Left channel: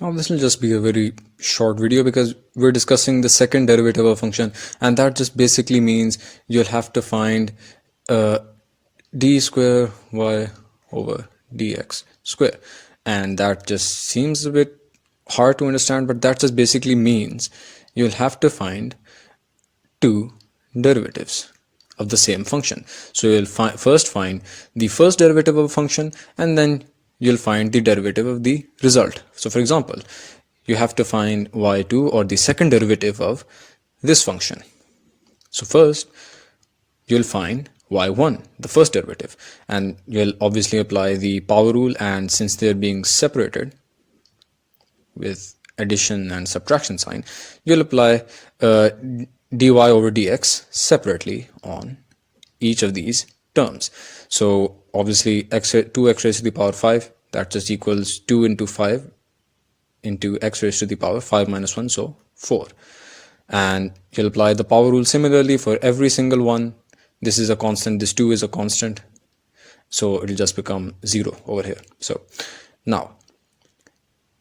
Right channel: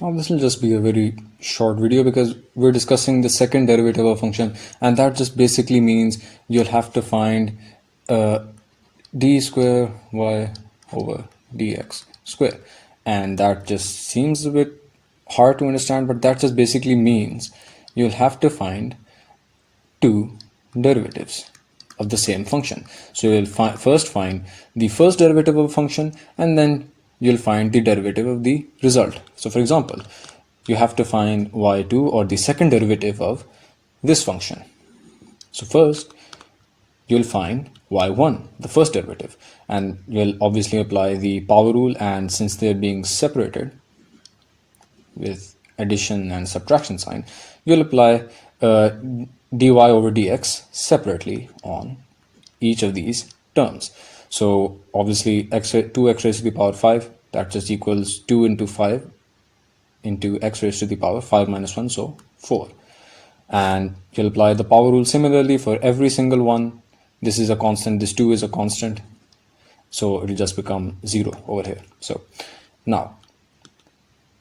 Now this will just be a very short video because we're discussing the second derivative of a function, and that just basically means you'll have to find d square y over dx square, and that just seems a bit hard to understand, but that just basically means you'll have to find two derivatives of the same function. So you'll first find the first derivative of a function, and then you'll find the derivative of the result. So for example, you have to find y2, or the second derivative of this function. So first you'll find y1, the first derivative, and you'll obviously apply the power rule, and since they're being separated with addition and subtraction sign, you'll apply dy over dx separately on each of these terms. So obviously 2x raised to the power 5, that just equals 2 into 5 into x raised to the power 5 minus 1, so 4. And you'll apply the power rule similarly for every single one. This is a constant, this 2 is a constant, so it'll just become 0 over here. So now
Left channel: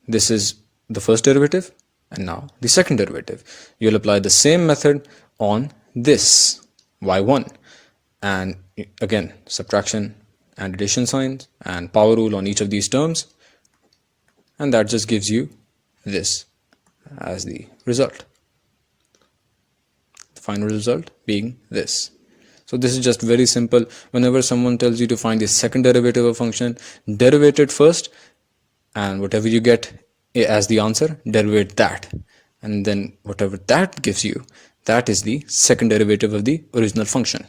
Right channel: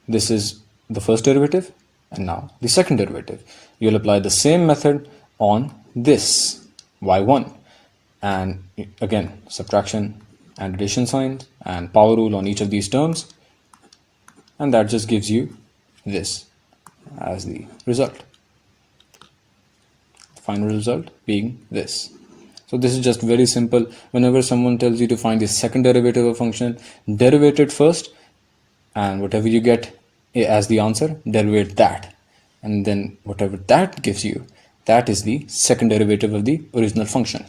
this is the first derivative, and now the second derivative. You'll apply the same method on this y1, and again subtraction and addition signs and power rule on each of these terms, and that just gives you this as the result, the final result being this. So this is just very simple. Whenever someone tells you to find the second derivative of a function, derivate it first, and whatever you get as the answer, derivate that, and then whatever that gives you, that is the second derivative of the original function.